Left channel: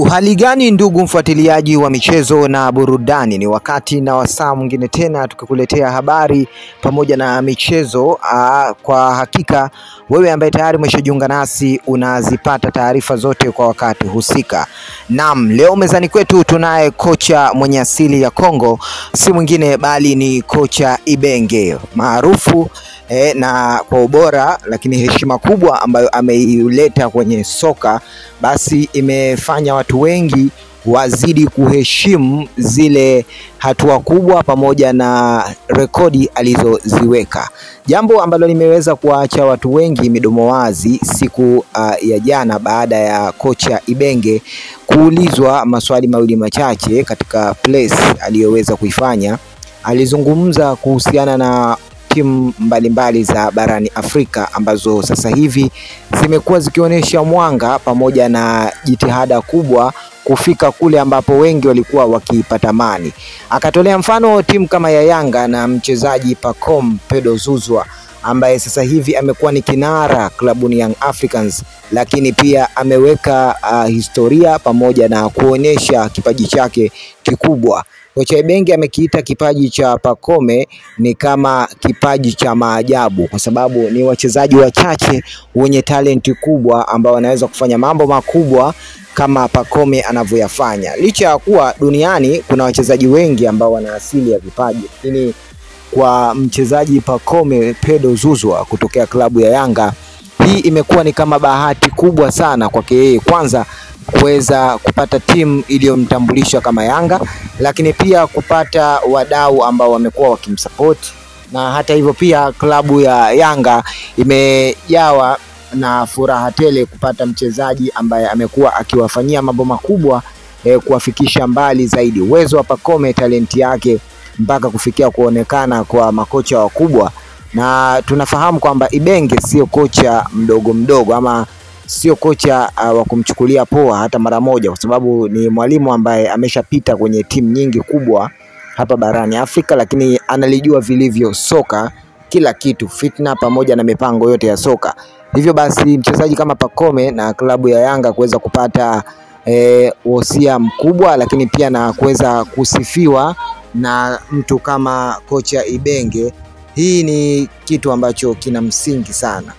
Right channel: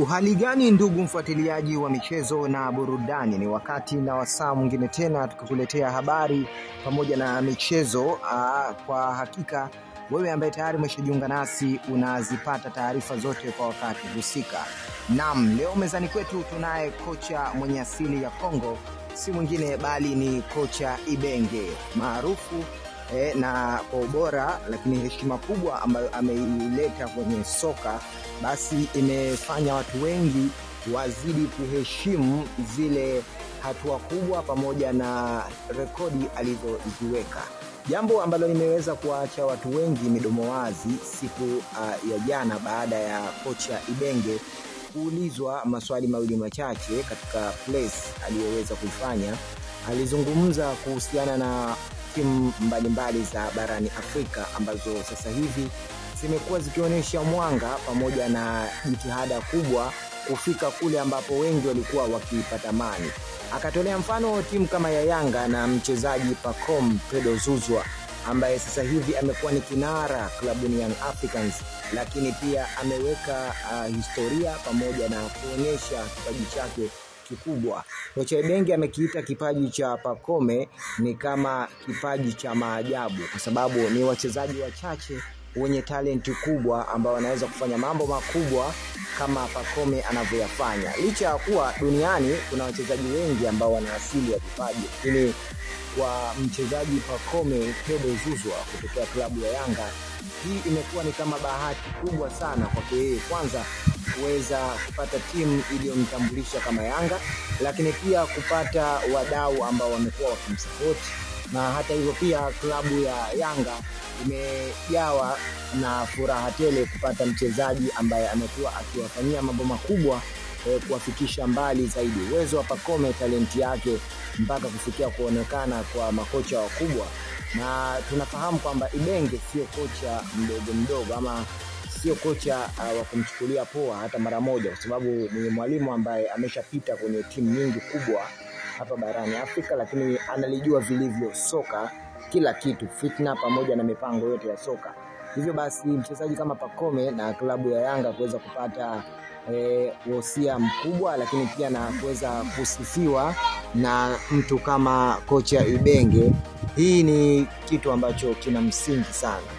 Uhali gani ndugu mfuatiliaji wa michezo na burudani, ni wakati na wasaa mwingine tena tukikuletea habari pamoja na michezo. Kwa hakika wewe ambaye tayari umeshajiunga nasi unazipata taarifa zote kwa wakati husika. Naam, leo mezani kwetu tunaye kocha mwenye asili ya Kongo, si mwingine bali ni kocha Ibenge maarufu na kwa ubora lakini heshima kubwa ambayo ameileta kwenye soka, basi imefanya watu wengi wazidi kuheshimu zile hatua kubwa pamoja na rekodi alizoziweka, jambo ambalo limeweza kuacha watu wengi midomo wazi siku ya jana baada ya kocha Ibenge kuulizwa maswali mawili machache katika place aliyoweza kuifanya. Alizungumza kuhusiana na timu mbalimbali za barani Afrika ambazo sasa hivi zimekuwa zikionyesha mwanga pamoja na jitihada kubwa kufika kule ambapo wengi walikuwa wakipatamani. Akatolea mfano timu kama ya Yanga na mchezaji Pacome Pedro Zouzoua ambaye sasa hivi amekuwa ni kinara klabuni Young Africans, lakini pia ameweka historia pamoja na kuonyesha kipaji chake kikubwa. Kocha Ibenge amekiita kipaji cha Pacome ni kama kipaji cha maajabu, kwa sababu ni wachezaji wachache wenye talenti kubwa ambao wanaweza kufanya mambo makubwa kama Pacome anavyoyafanya. Licha ya kuwa duniani kuna wachezaji wengi ambao wana asili ya vipaji, lakini kwa mchezaji Pacome Pedro Zouzoua kutokea klabu ya Yanga, hii imekuwa ni kama bahati kubwa sana kwake yeye, kwanza kuweza kupata timu iliyomtambulisha kama Yanga, lakini pia kupata wadau ambao wamekuwa wakimsupport. Na hata hivyo pia klabu ya Yanga imejawa na furaha tele kupata mchezaji ambaye amekuwa akiwafanyia mambo makubwa kuwafikisha mbali zaidi. Uwezo wa Pacome, talenti yake mpaka kufikia kuonekana kwa makocha wakubwa, na tunafahamu kwamba Ibenge sio kocha mdogo ama sio kocha wa kumchukulia poa hata mara moja, kwa sababu ni mwalimu ambaye ameshapita kwenye timu nyingi kubwa hapa barani Afrika, lakini analijua vilivyo soka, kila kitu, fitna pamoja na mipango yote ya soka. Hivyo basi mchezaji kama Pacome na klabu ya Yanga kuweza kupata wosia mkubwa, lakini pia na kuweza kusifiwa na mtu kama kocha Ibenge, hii ni kitu ambacho kina msingi sana.